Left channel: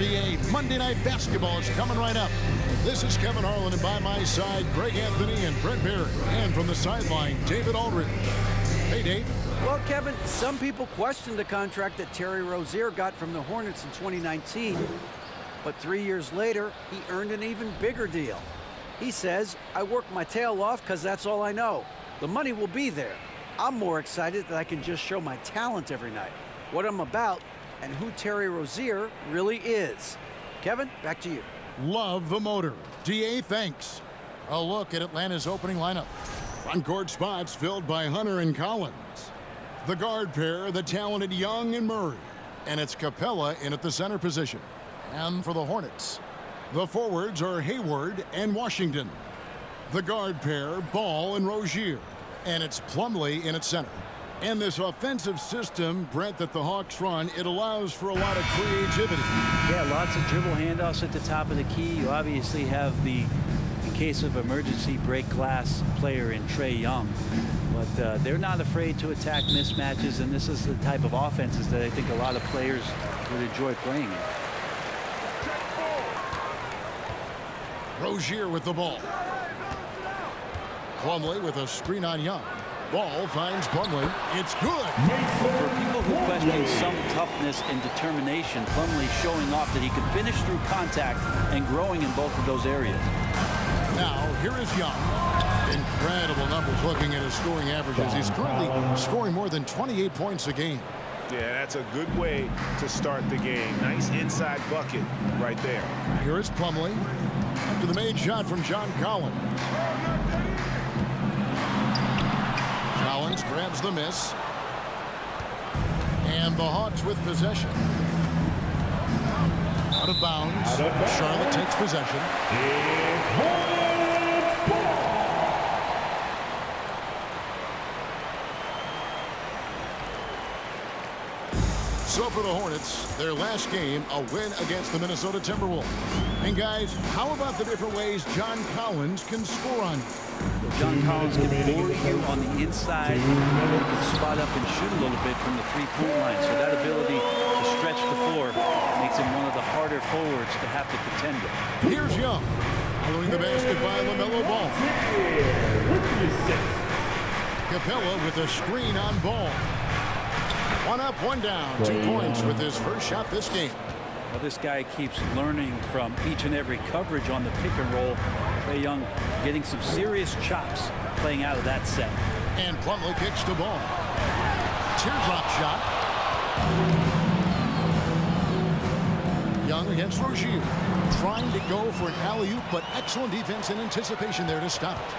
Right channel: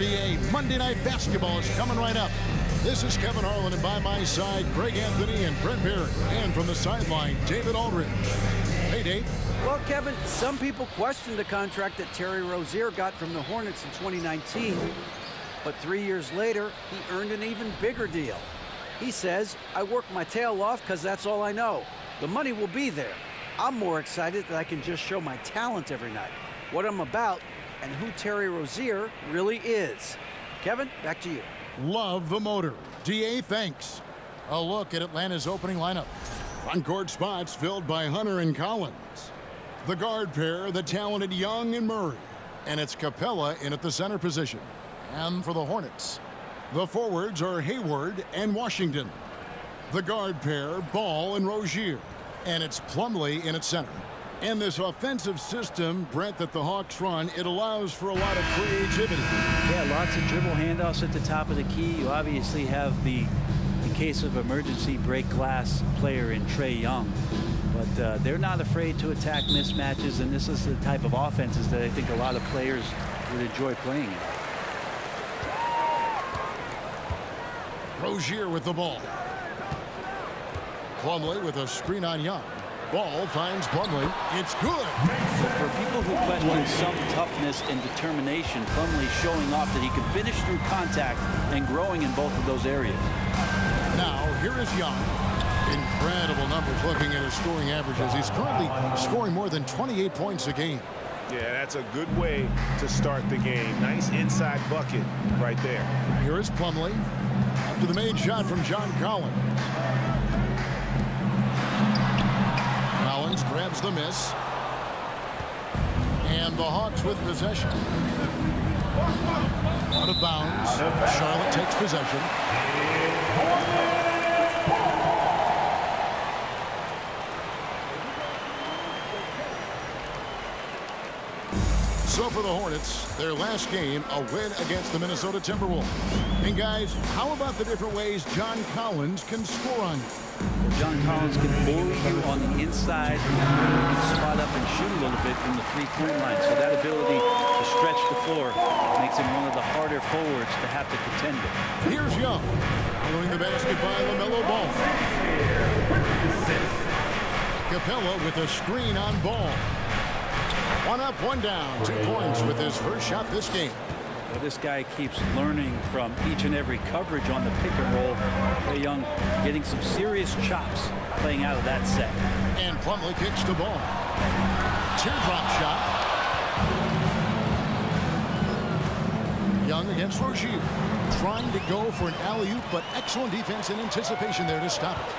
NBA Monday Night Basketball is coming right up. This is Kevin Harlan, and by my side, Greg Anthony and Brent Barry. And from the sideline, David Aldridge. Hey, Dave. Well, Kevin, some people questioned the contract that Terry Rozier got from the Hornets in 2019. But 3 years later, he earned an even bigger deal. He says, I work my tail off because that's all I know. The money will be there. I'm more excited that I can just show my talent every night, what I'm about, and who Terry Rozier really is. Kevin, back to you. Love the motor. DA, thanks. A look at Atlanta's opening lineup. Front court spots filled by Hunter and Collins. The guard pair, the talented Young and Murray. And it's Capella in at the center position. And for the Hornets, the forwards are Hayward and Washington. The guard pair, Ball and Rozier. And it's Plumlee in at center. And this offensive system, Brent, that the Hawks run, it allows for a lot of creativity. Yeah, lots of dribble handoffs at the top of the key. You obviously have the, in case of emergency, break glass player in Trae Young. But they're not afraid to attack mismatches, and this is the type of offenses that I think a lot of players would enjoy playing in. Rozier with the ball. Plumlee with a screen on Young. Ball finds Plumlee. It's good. Well, for people who question some toughness and determination, Plumlee showing off that he can finish through contact and growing in both of those areas. Now, here is Young. Incredible numbers looking at his scoring averages. He's currently scoring more than 28 points a game. Yeah, that's a good way to start the game. Nice inside bucket right there. Here is Plumlee after the made shot from John Collins. Collins grabs the miss. And the Hawks with possession. Out of bounds. Charlotte takes possession. So for the Hornets, their last game, a win against the Minnesota Timberwolves. And guys, how about the different ways John Collins can score on you? Well, John Collins can bully you on the inside. He can spot up and shoot a little bit from the three-point line. So that ability to stretch the floor makes him one of the harder forwards to have to contend with. Here's Young, following the basket by LaMelo Ball. Capella with a screen on Ball. One up, one down, 2 points with his first shot this game. Well, this guy keeps learning from each and every coverage on the pick and roll. Trae Young getting some serious chops playing out of that set. And Plumlee kicks the ball. Teardrop shot. Young against Rozier. Trying to go for an alley-oop, but excellent defense and anticipation there to stop it.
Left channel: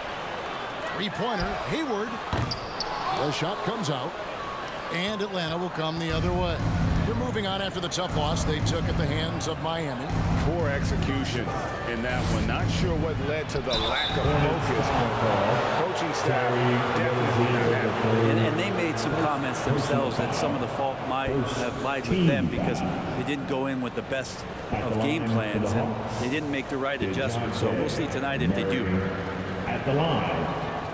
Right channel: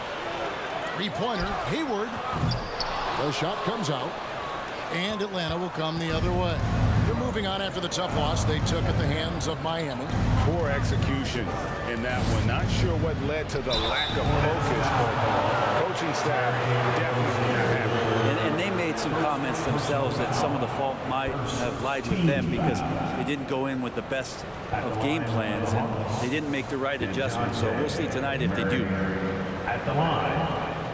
Three-pointer, Hayward. The shot comes out. And Atlanta will come the other way. They're moving on after the tough loss they took at the hands of Miami. Poor execution in that one. Not sure what led to the lack of focus, but coaching staff definitely not happy. And they made some comments themselves that some of the fault might have lied with them because they didn't go in with the best of game plans and they didn't make the right adjustments. So we'll see tonight if they do. At the line,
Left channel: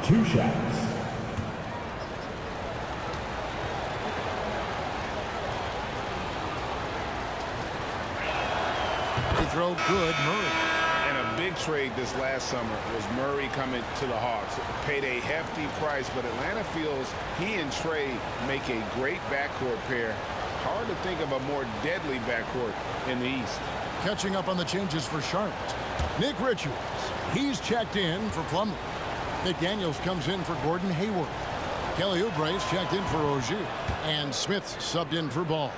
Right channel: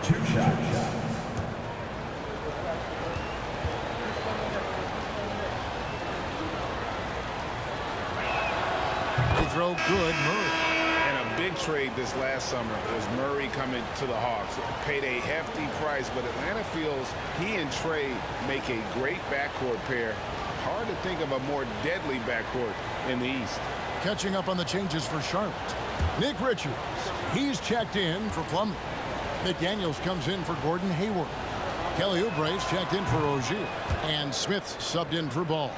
2 shots. Throw good, Murray. And a big trade this last summer was Murray coming to the Hawks. Paid a hefty price, but Atlanta feels he and Trae make a great backcourt pair. Hard to think of a more deadly backcourt in the East. Catching up on the changes for Charlotte. Nick Richards, he's checked in for Plumlee. McDaniels comes in for Gordon Hayward. Kelly Oubre's checked in for Rozier. And Smith subbed in for Ball.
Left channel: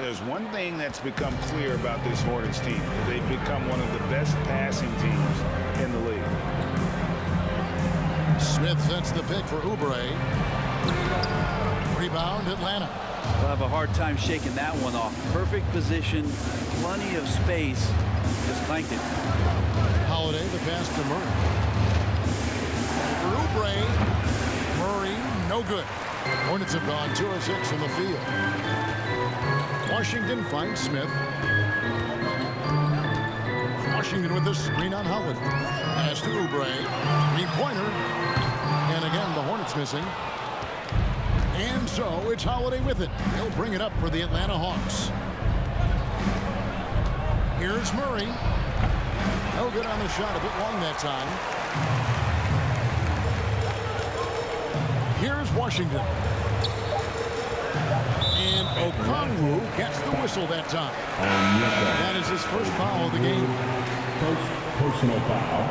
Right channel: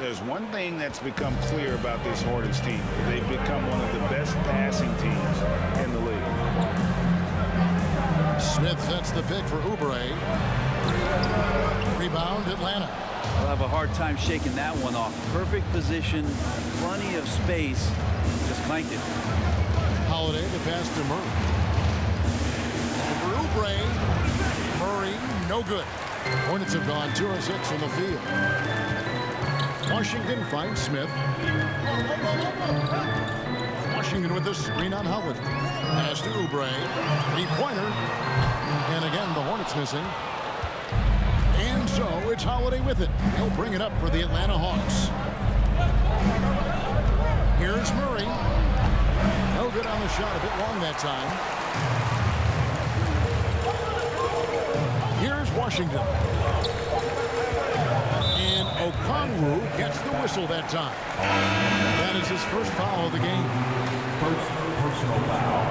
There's one thing that's become clear about this Hornets team. They've become one of the best passing teams in the league. Smith sets the pick for Oubre. Rebound, Atlanta. We'll have a hard time shaking that one off. Perfect position, plenty of space. Just clanked it. Holiday, the pass to Murray. Over Oubre. Murray, no good. Hornets have gone 2 of 6 from the field. Washington finds Smith. Washington with the screen on Holiday. Pass to Oubre. Three-pointer. And again, the Hornets missing. And so it's Holiday with it. He'll bring it up for the Atlanta Hawks. Here's Murray. No good on the shot, a bit long that time. Here's Washington. And Okongwu gets the whistle that time. That is his first foul of the game. First personal foul.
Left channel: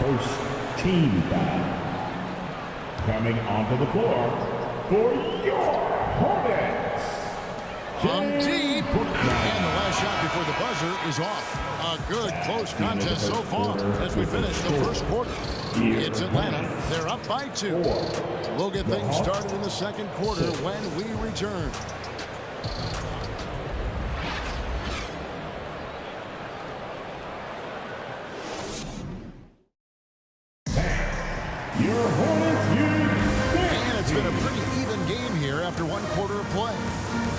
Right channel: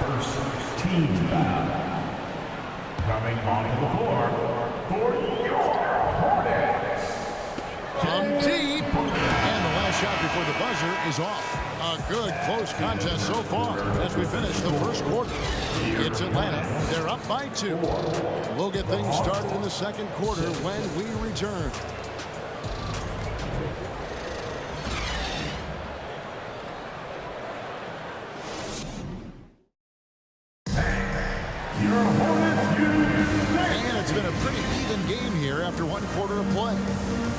First team foul. Coming onto the floor for your Hornets. On deep. And the last shot before the buzzer is off. A good close contest so far as we finish the first quarter. It's Atlanta. They're up by 2. We'll get things started in the second quarter when we return. Your Hornets And it's been a pretty even game here after 1 quarter of play.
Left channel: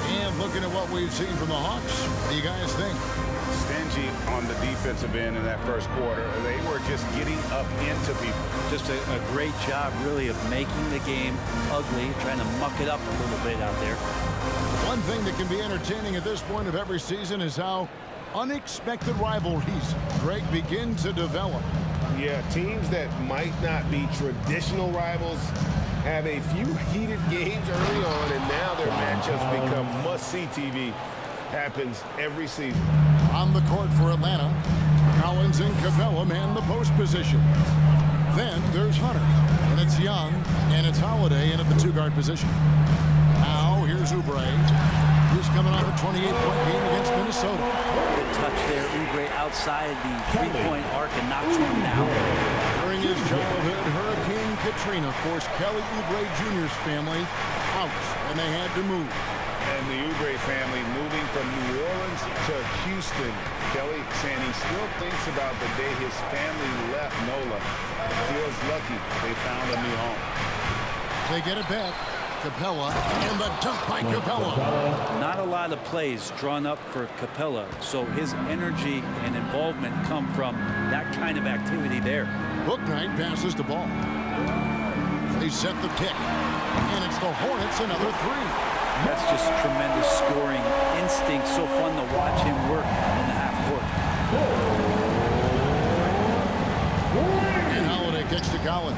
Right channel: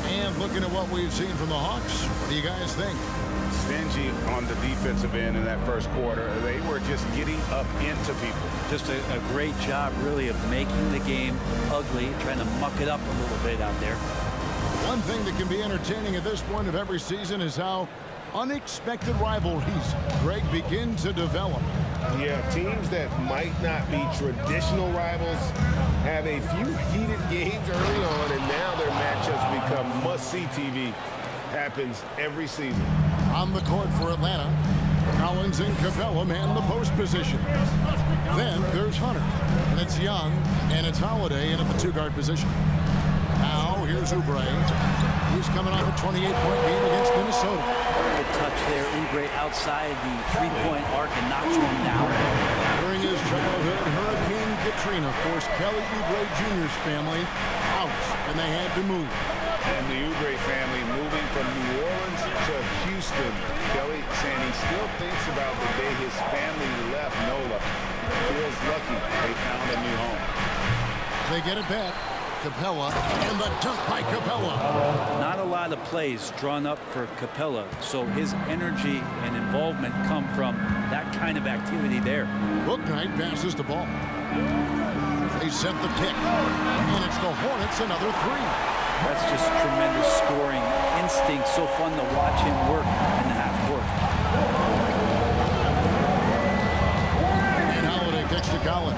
And looking at what we've seen from the Hawks, what do you guys think? Stingy on the defensive end in that first quarter. They were just getting up into people. Just a great job, really, of making the game ugly, trying to muck it up a little bit out there. One thing that can be entertaining at this point of every season is how unexpected rivalries, Greg, begin to develop. Yeah, teams that might not be traditional rivals have a few heated games early on, and now their matchups become must-see TV. Happens every season. On the court for Atlanta, Collins and Capella man the post position. Then there's Hunter, and it's Young, and it's Holiday in at the 2-guard position. Now here's Oubre. He's coming off a 28-point game against Minnesota. Good touch there. Oubre outside the 3-point arc and knocks one down. During his childhood, Hurricane Katrina forced Kelly Oubre Jr.'s family out, and they had to move. And the Oubre family moving from New Orleans to Houston. Kelly saying he still thinks about the day his family left NOLA. Feels lucky they found a new home. They get it back. Capella, and the dunk by Capella. Not a lot of plays drawn up for Capella, so his energy and involvement come from that kind of activity there. Bouknight passes the ball. They set the pick, and it's the Hornets another 3. That's just tremendous scoring instinct. So fun to watch him work in the half court. And Holiday kicks to Collins.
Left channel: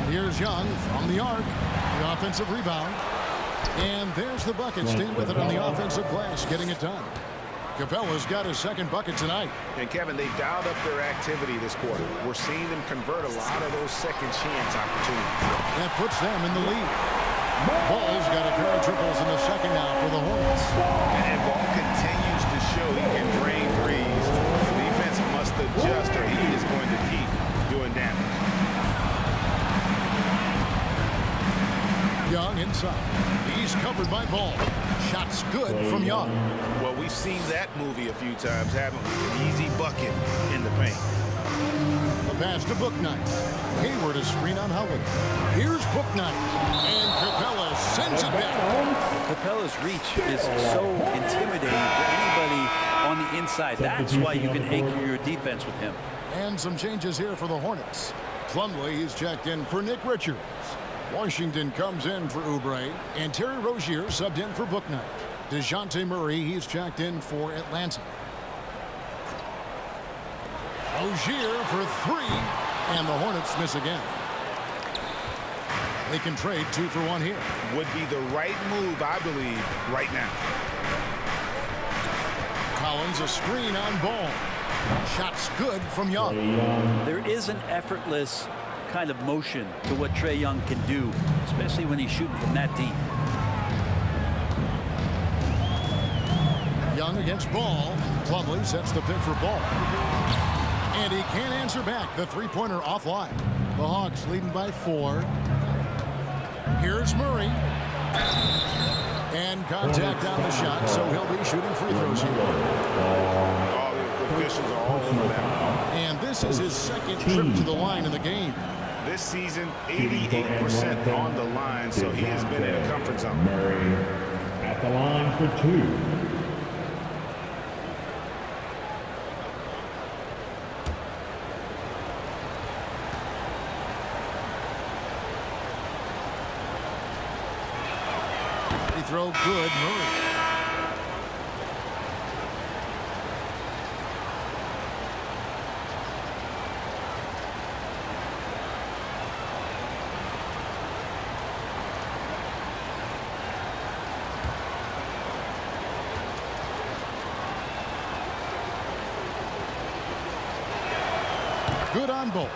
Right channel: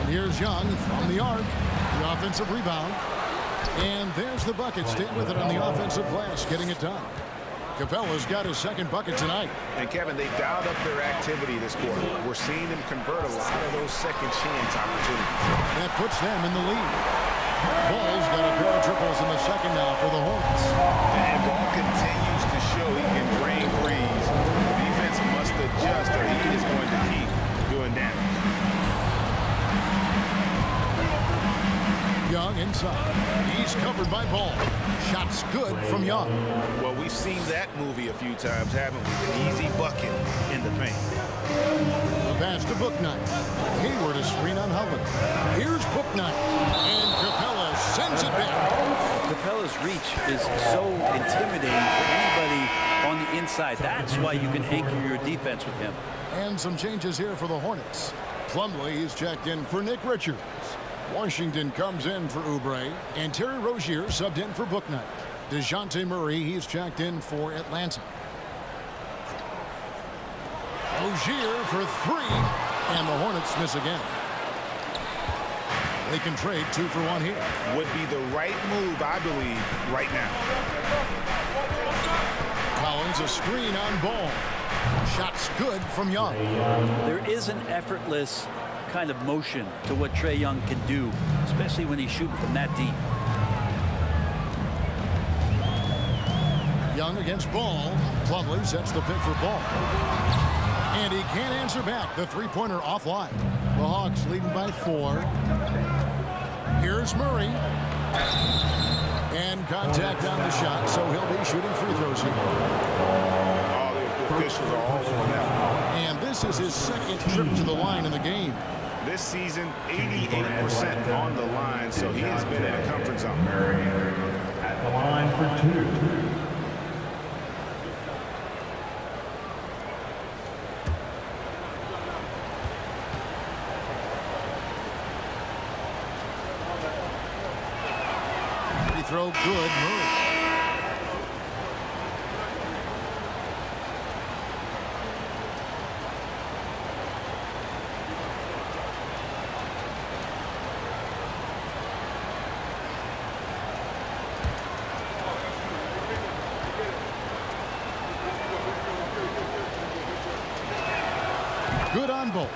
And here's Young from the arc. The offensive rebound. And there's the bucket. Staying with it on the offensive glass, getting it done. Capella's got his second bucket tonight. And Kevin, they dialed up their activity this quarter. We're seeing them convert a lot of those second chance opportunities. That puts them in the lead. Ball's got a pair of triples in the second now for the Hornets. And Ball continues to show he can drain threes. The defense must adjust or he is going to keep doing damage. Young inside. He's covered by Ball. Shots good from Young. Well, we've seen that movie a few times, haven't we? An easy bucket in the paint. The pass to Bouknight. Hayward a screen on Holiday. Here's Bouknight. And Capella sends it back. Capella's reach is so intimidating for anybody on the inside. That's why you can anchor your defense with him. And some changes here for the Hornets. Plumlee is checked in for Nick Richards. Washington comes in for Oubre. And Terry Rozier subbed in for Bouknight. DeJounte Murray, he's checked in for Atlanta. Rozier for 3. And the Hornets miss again. They can trade 2 for 1 here. Would be the right move, I believe, right now. Collins a screen on Ball. Shots good from Young. There is an effortless kind of motion to what Trae Young can do, especially when he's shooting from that deep. Young against Ball. Plumlee sets the pick for Ball. And he can't answer back. The three-pointer offline. The Hawks leading by 4. Here's Murray. And contact on the shot, so he'll be shooting free throws here. All the officials are all over that. And this is his second trip to the line in the game. This season, 88% on the line, so he has been in a comfort zone. Murray at the line for 2. Free throw good, Murray. good on both.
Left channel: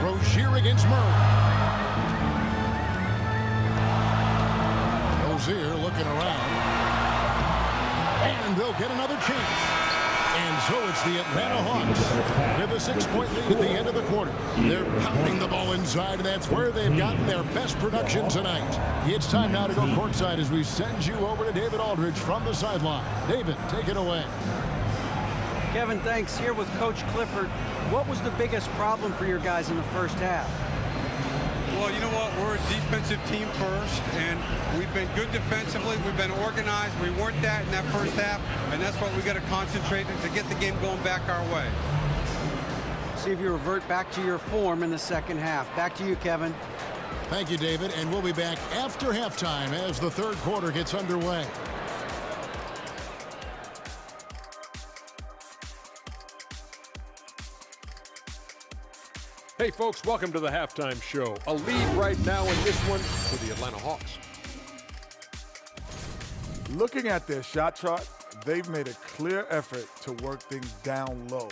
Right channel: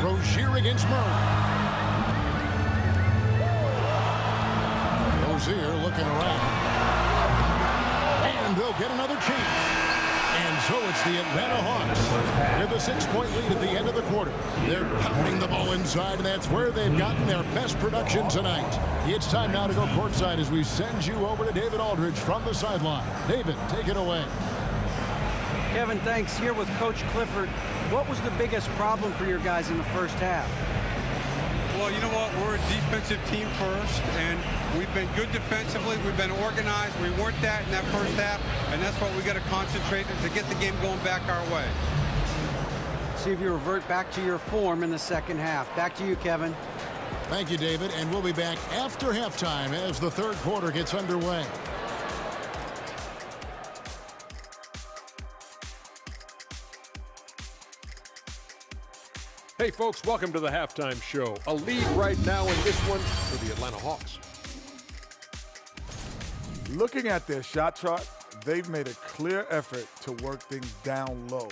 Rozier against Murray. Rozier looking around. And they'll get another chance. And so it's the Atlanta Hawks with a 6-point lead at the end of the quarter. They're pounding the ball inside, and that's where they've gotten their best production tonight. It's time now to go courtside as we send you over to David Aldridge from the sideline. David, take it away. Kevin, thanks. Here with Coach Clifford. What was the biggest problem for your guys in the first half? Well, you know what? We're a defensive team first, and we've been good defensively. We've been organized. We weren't that in that first half, and that's what we got to concentrate on to get the game going back our way. See if you revert back to your form in the second half. Back to you, Kevin. Thank you, David, and we'll be back after halftime as the third quarter gets underway. Hey folks, welcome to the halftime show. A lead right now in this one for the Atlanta Hawks. Looking at their shot chart, they've made a clear effort to work things down low,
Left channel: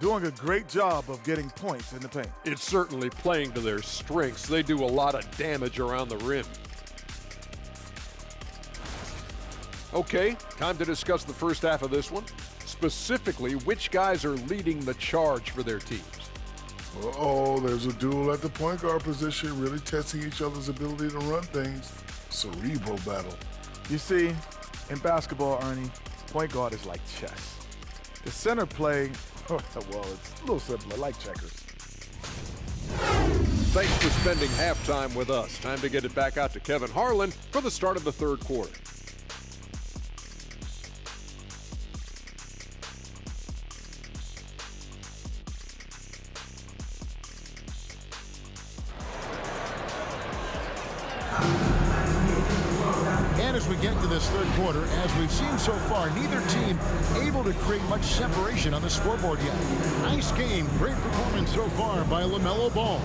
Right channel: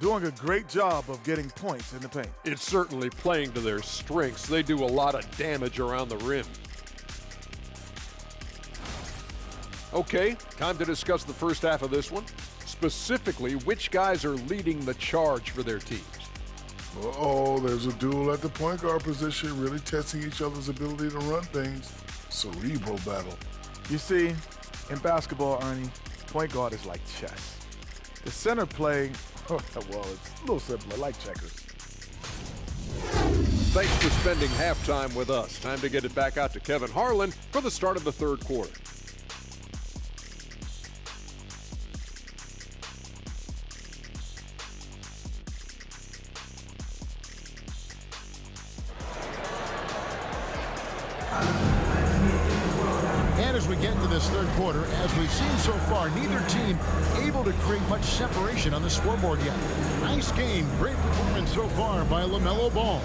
doing a great job of getting points in the paint. It's certainly playing to their strengths. They do a lot of damage around the rim. Okay, time to discuss the first half of this one. Specifically, which guys are leading the charge for their teams? Uh-oh, there's a duel at the point guard position, really testing each other's ability to run things. Cerebral battle. You see, in basketball, Ernie, point guard is like chess. The center play, well, it's a little simpler, like checkers. Thanks for spending halftime with us. Time to get it back out to Kevin Harlan for the start of the third quarter. And as we get into this third quarter, as we've seen so far, neither team able to create much separation on the scoreboard yet. Nice game, great performance so far by LaMelo Ball.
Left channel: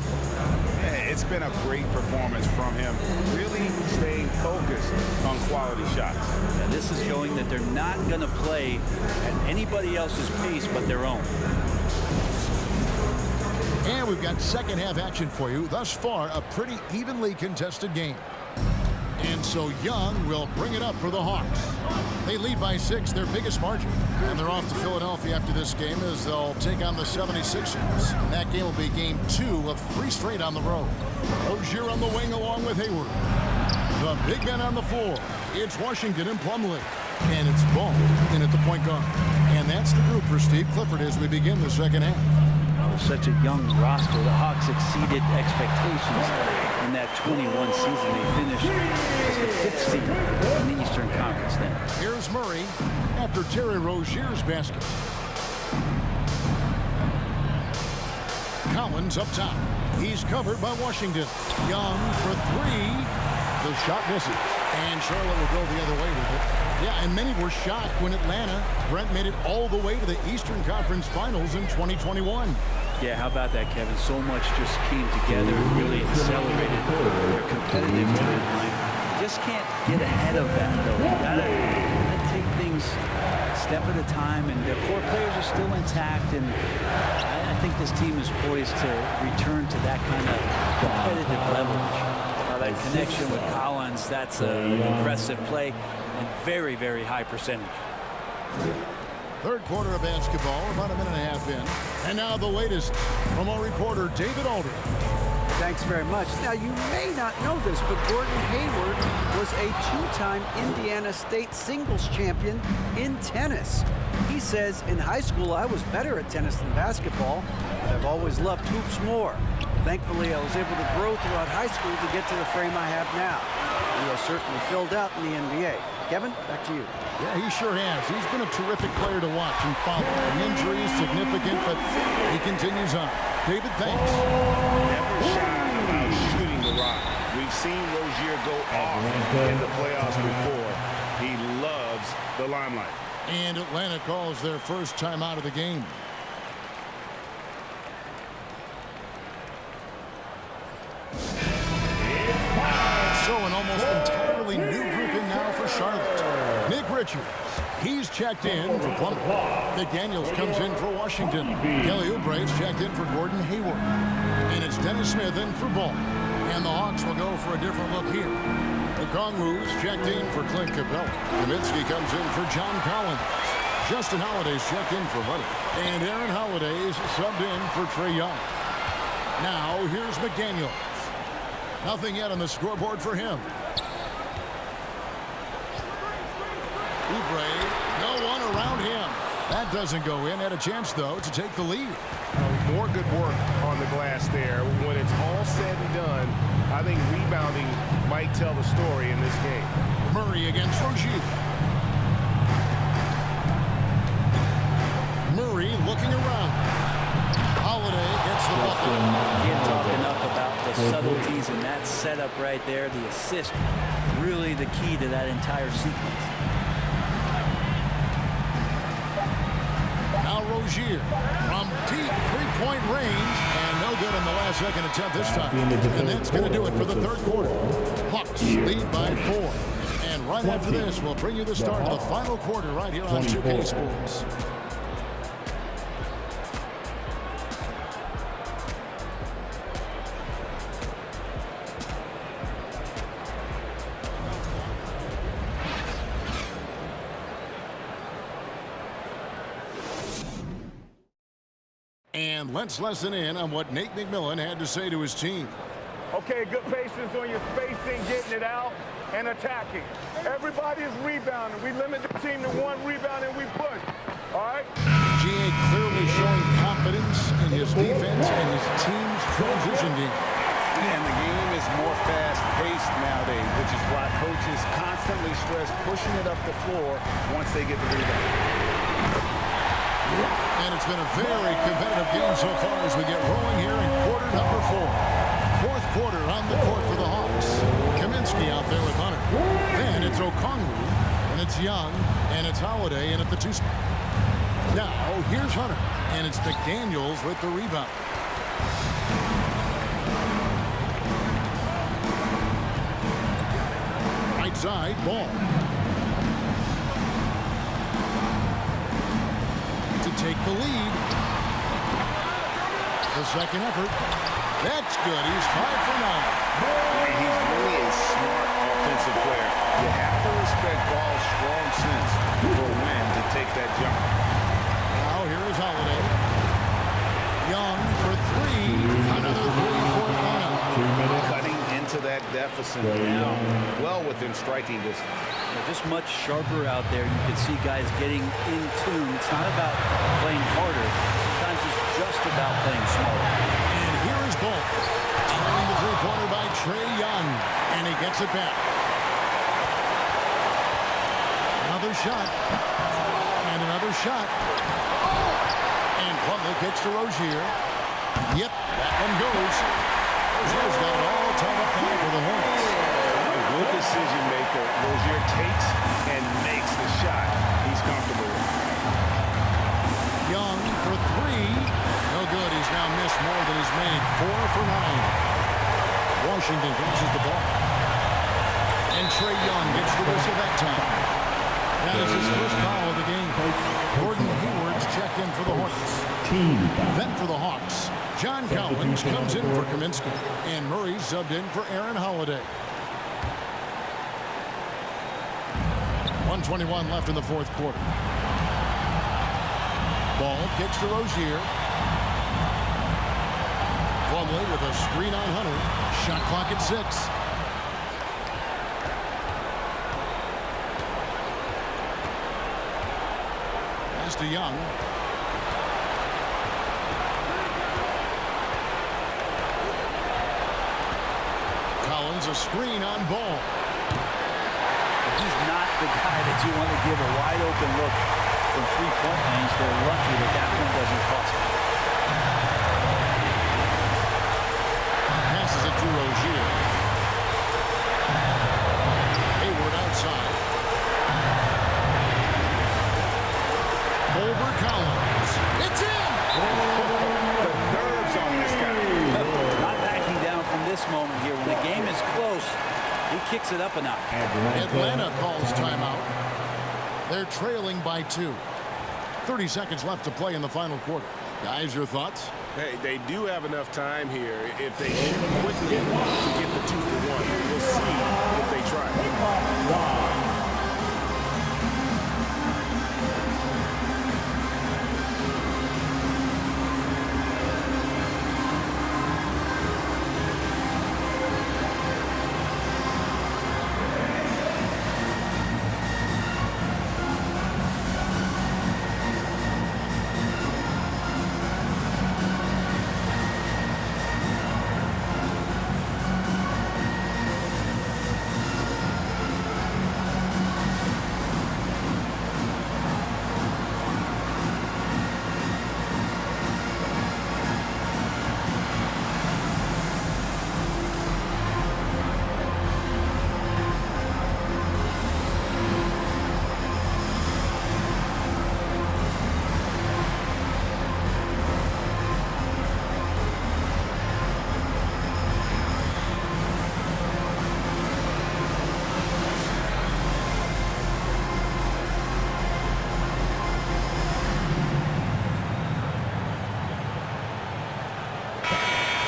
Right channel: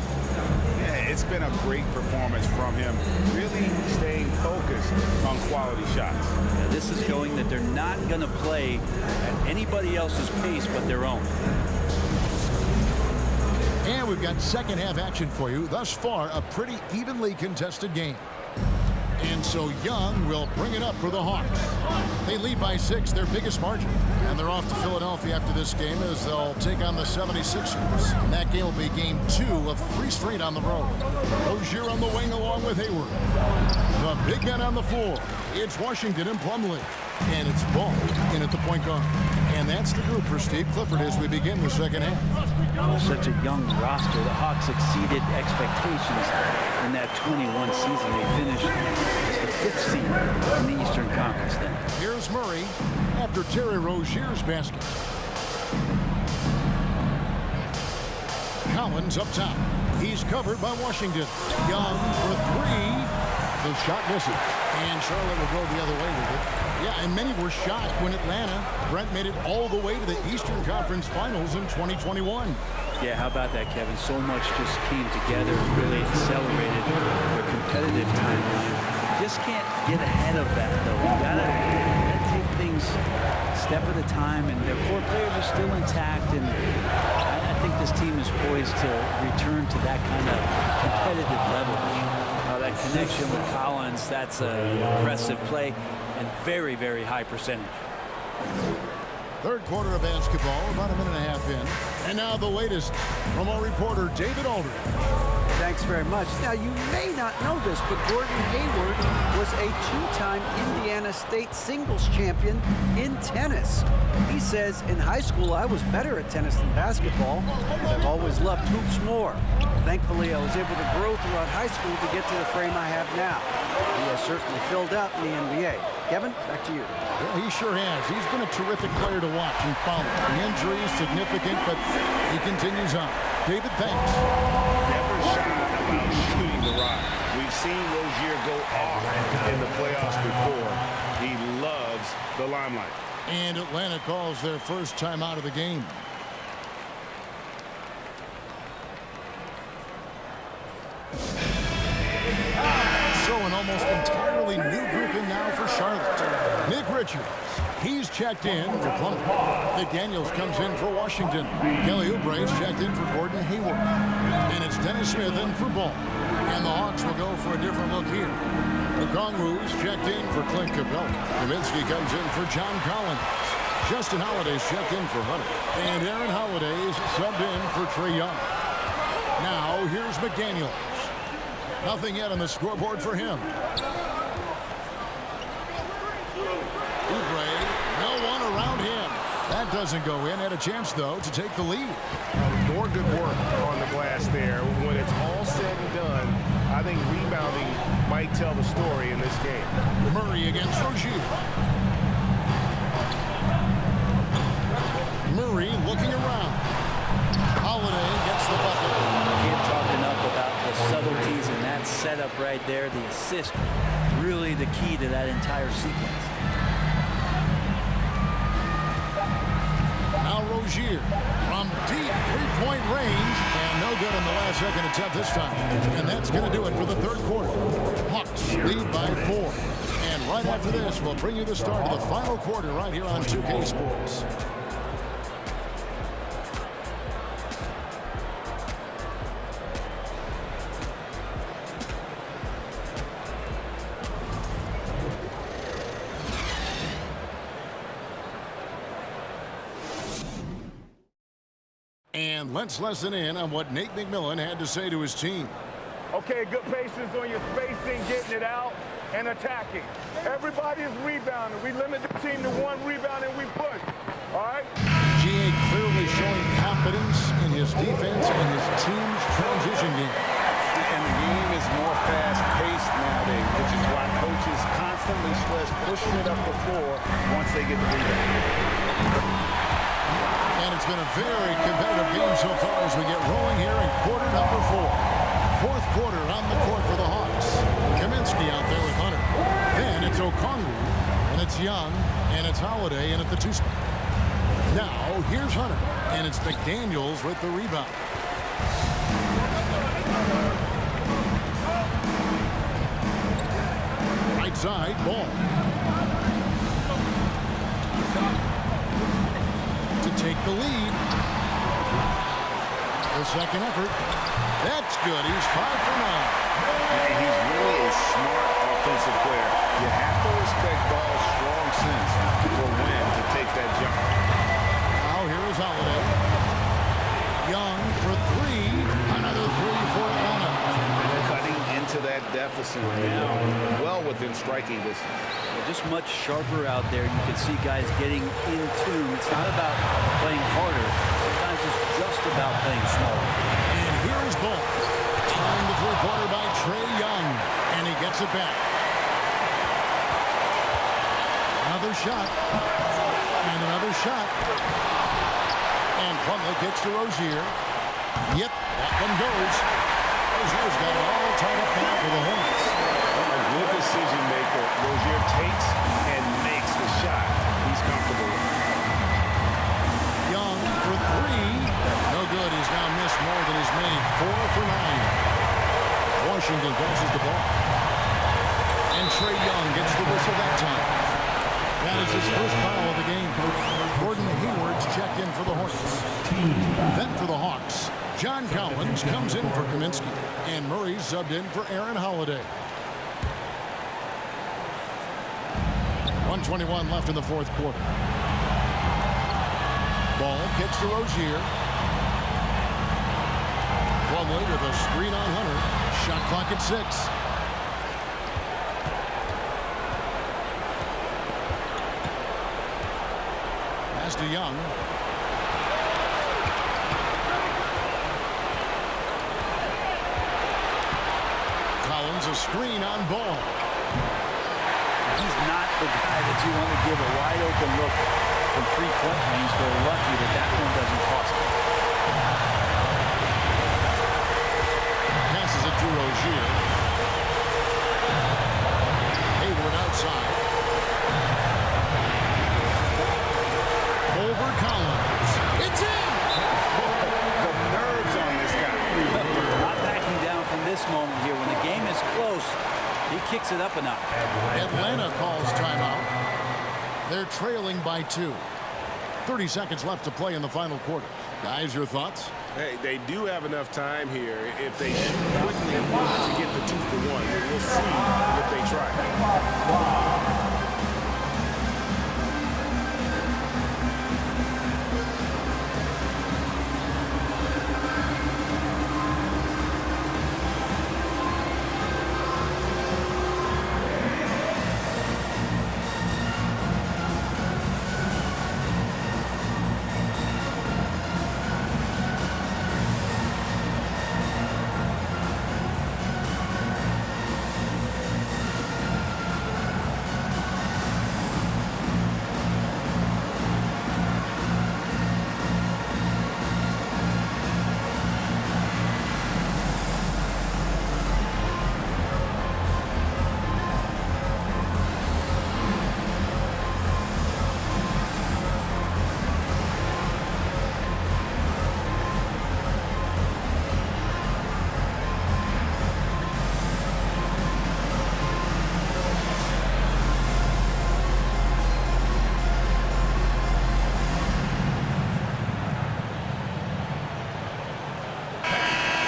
Yeah, it's been a great performance from him, really staying focused on quality shots. Yeah, this is showing that they're not going to play at anybody else's pace but their own. And we've got second half action for you. Thus far, a pretty evenly contested game. And so Young will bring it up for the Hawks. They lead by 6, their biggest margin. And they're off to Philadelphia after this game as they'll take on the 76ers. And that game will be game 2 of 3 straight on the road. Rozier on the wing along with Hayward. The big men on the floor. It's Washington and Plumlee. And it's Ball in at the point guard. And that's the group for Steve Clifford as we begin the second half. Such a young roster. The Hawks exceeded expectations in that 21 season. They finished as the 5th seed in the Eastern Conference then. Here's Murray after Terry Rozier's basket. Collins up top. He's covered by Washington. Young for 3. The shot misses. And Charlotte will go the other way with it. Yeah, and many were shocked when Atlanta, Brent, made it all the way to the Eastern Conference Finals in 2021. Yeah, how about that, Kevin? So much just came together, really accelerated their competitive timeline. You just can't get ahead of that, though. You gotta take things step at a time, and their core players are still intact, and I think this team is poised to return to that kind of competitive level this year. That connection with Collins, that's an impressive play and very, very high percentage. Third quarter of basketball, about a minute and a half in. And now the latest from our reporter, David Aldridge. Thanks very much. Now, you may not know this, but Gordon Hayward was a 2-time Indiana State singles champion in tennis. He says, in high school, I was better at tennis than basketball, but I've always loved hoops more. Thankfully, I was able to grow throughout high school to get to the frame I have now. He has certainly filled out in the NBA. Kevin, back to you. Yeah, he sure has. He's been a terrific player to watch and follow. The injury is significant, but he continues on. David, thanks. Never shy about shooting the rock. We've seen Rozier go off in the playoffs before. He loves the limelight. And Atlanta calls their first time out of the game. So an almost entirely new group in now for Charlotte. Nick Richards, he's checked in for Plummer. McDaniels comes in for Washington. Kelly Oubre's checked in for Gordon Hayward. And it's Dennis Smith in for Ball. And the Hawks will go for a different look here. Okongwu's checked in for Clint Capella. Kaminsky comes in for John Collins. Justin Holiday's checked in for Hunter. And Aaron Holiday's subbed in for Trae Young. Now, here's McDaniels. Nothing yet on the scoreboard for him. Oubre, no one around him. That doesn't go in. Had a chance, though, to take the lead. More good work on the glass there. When it's all said and done, I think rebounding might tell the story in this game. Murray against Rozier. Murray looking around. Holiday gets the bucket. Can't talk enough about the subtleties in that setup right there. The assist, really the key to that entire sequence. Now Rozier from deep three-point range, and no good on the last second attempt this time. And that's going to do it for the third quarter. Hawks lead by 4. And right after this, we'll bring you the start of the final quarter right here on 2K Sports. And let's listen in on what Nate McMillan had to say to his team. Okay, good patience on your spacing, getting it out, and attacking. Everybody is rebounding. We limit the team to 1 rebound and we push. All right? GA clearly showing confidence in his defense and his team's transition game. And the game is more fast-paced nowadays, which is why coaches constantly stress pushing it up the floor once they get the rebound. And it's been a very competitive game so far as we get rolling here in quarter number 4. Fourth quarter on the court for the Hawks. Kaminsky out there with Hunter. Then it's Okongwu, and it's Young, and it's Holiday in at the 2 spot. Now, here's Hunter, and it's McDaniels with the rebound. Right side, Ball. To take the lead. The second effort. That's good. He's 5 for 9. He's really a smart offensive player. You have to respect Ball's strong sense for when to take that jump. Now here is Holiday. Young for 3. Another 3 for Atlanta. Cutting into that deficit now, well within striking distance. They're just much sharper out there. You can see guys getting in tune. It's not about playing harder. Sometimes it's just about playing smarter. And here is Ball. Following the three-pointer by Trae Young. And he gets it back. Another shot. And another shot. And Plumlee kicks to Rozier. Yep, that one goes. Rozier's got it all tied up now for the Hornets. A good decision maker. Rozier takes and makes the shot he's comfortable with. Young for 3. No good. He's now missed more than he's made. 4 for 9. Washington passes the ball. And Trae Young gets the whistle that time. That is his first foul of the game. Gordon Hayward's checked in for the Hornets. Then for the Hawks, John Collins comes in for Kaminsky. And Murray subbed in for Aaron Holiday. 1:21 left in the fourth quarter. Ball kicks to Rozier. Plumlee with a screen on Hunter. Shot clock at 6. Pass to Young. Collins a screen on Ball. He's not the guy that you want to give a wide open look from 3-point range. They're lucky that that one doesn't cost them. Passes it to Rozier. Hayward outside. Over Collins. It's in! The nerves on this guy. Not backing down from this moment here. When the game is close, He kicks it up a notch. Atlanta calls timeout. They're trailing by 2. 30 seconds left to play in the final quarter. Guys, your thoughts? Hey, they do have enough time here if they shoot quickly to get the 2 for 1. We'll see if they try.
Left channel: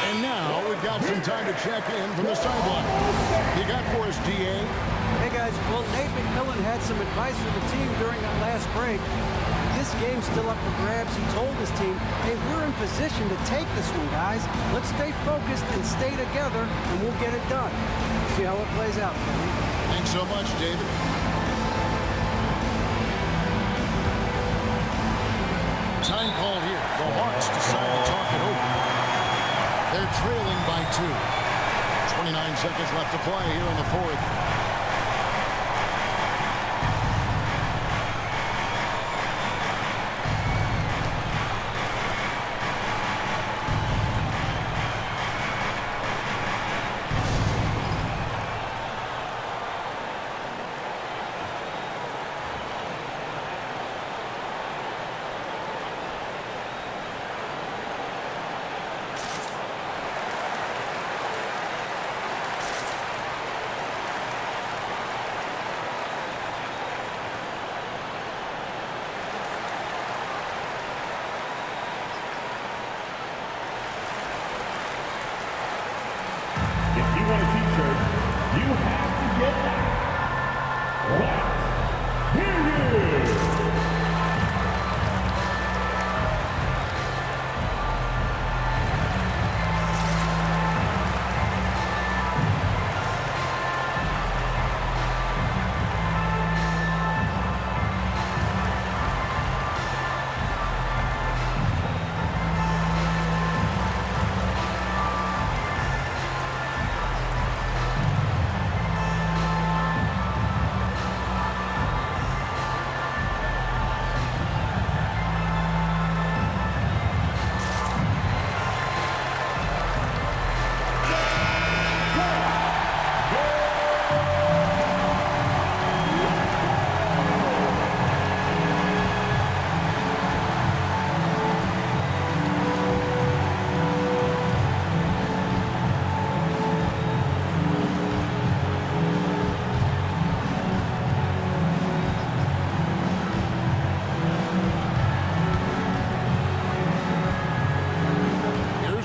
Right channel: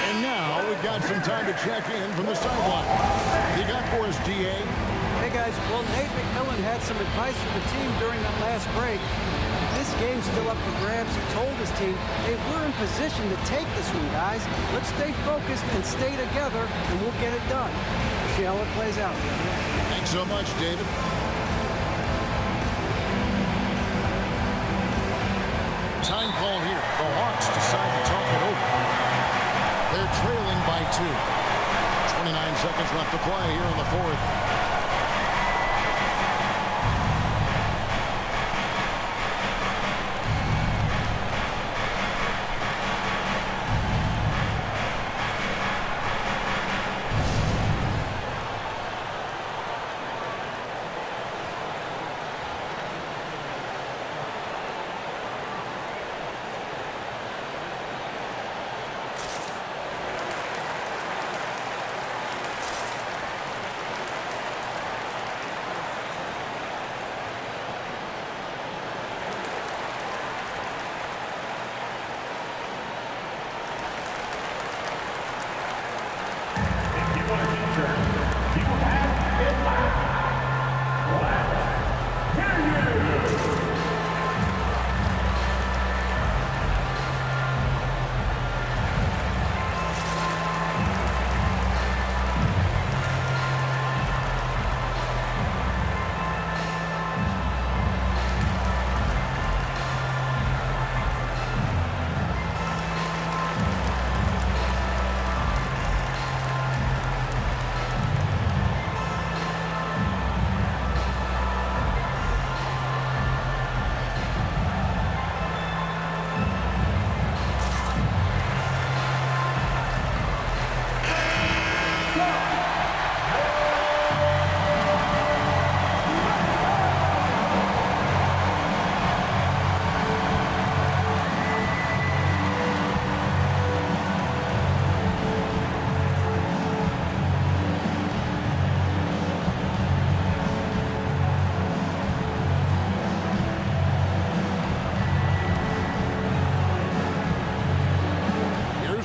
And now we've got some time to check in from the sideline. You got for us, DA? Hey, guys. Well, Nate McMillan had some advice for the team during that last break. With this game's still up for grabs, he told his team, hey, we're in position to take this one, guys. Let's stay focused and stay together, and we'll get it done. See how it plays out, Kevin. Thanks so much, David. Time called here. The Hawks decide to talk it over. They're trailing by 2. 29 seconds left to play here in the fourth.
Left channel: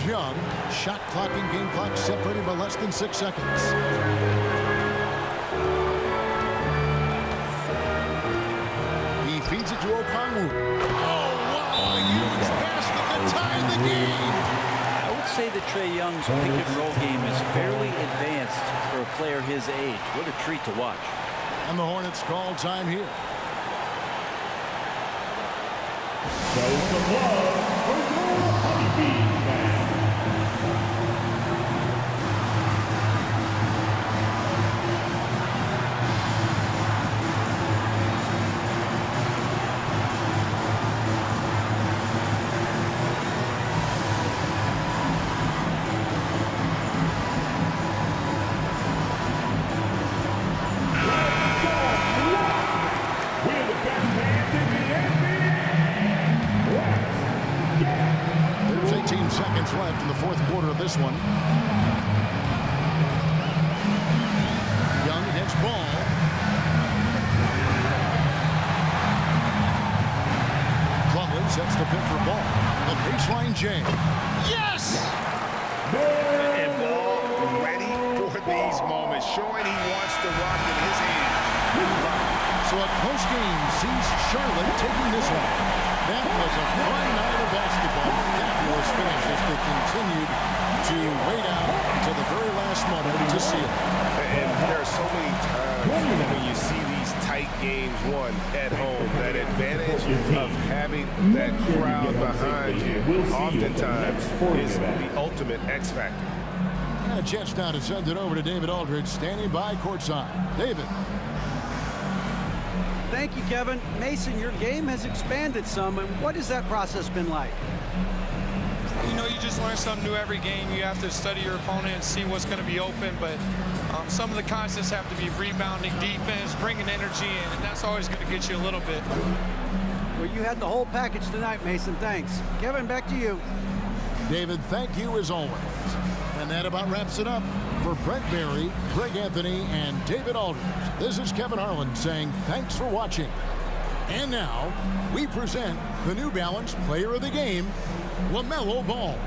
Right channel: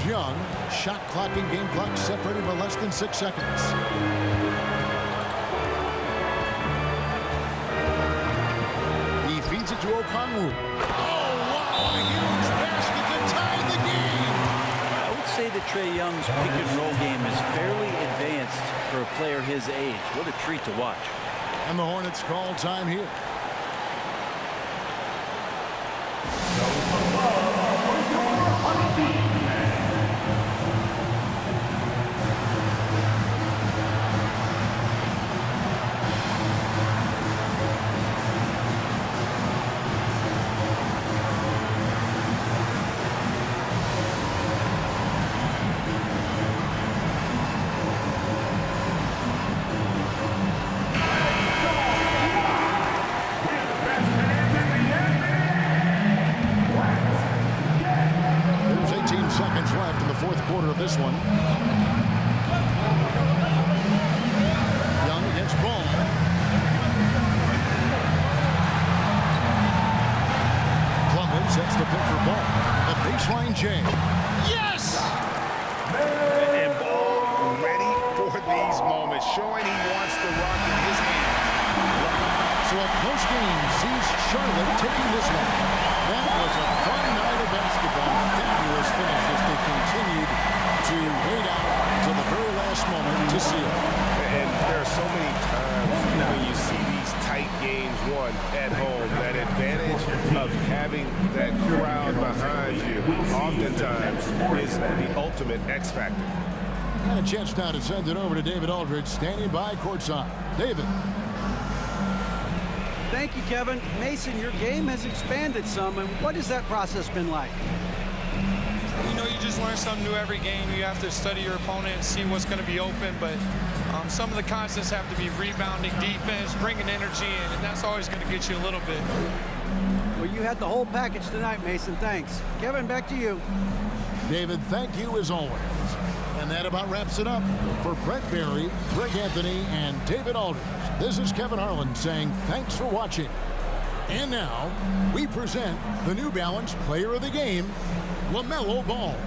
Young, shot clock and game clock separated by less than 6 seconds. He feeds it to Okongwu. Oh, wow, a huge basket to tie the game. I would say that Trae Young's pick and roll game is fairly advanced for a player his age. What a treat to watch. And the Hornets call time here. Show some love for your honeybee fans. Seconds left in the fourth quarter of this one. sets the pick for Ball. The baseline J. Yes! And Ball ready for these moments, showing he wants the rock in his hands. So a close game sees Charlotte taking this one. That was a fun night of basketball. Fabulous finish as they continued to wait out until the very last moment to seal. And there are so many times when you see these tight games won at home, that advantage of having that crowd behind you oftentimes is the ultimate X factor. And a chance now to send it over to David Aldridge, standing by courtside. David. Thank you, Kevin. Mason, your game has expanded some, and what has that process been like? You know, you just learn something new every game. You have to study your opponent and see what's going to be open, but some of the concepts have to be rebounding, defense, bringing energy in, and that's always going to get you a little bit. Well, you had the whole package tonight, Mason. Thanks. Kevin, back to you. David, thank you as always. And that about wraps it up. For Brent Barry, Greg Anthony, and David Aldridge, this is Kevin Harlan saying thanks for watching. And now, we present the New Balance Player of the Game, LaMelo Ball.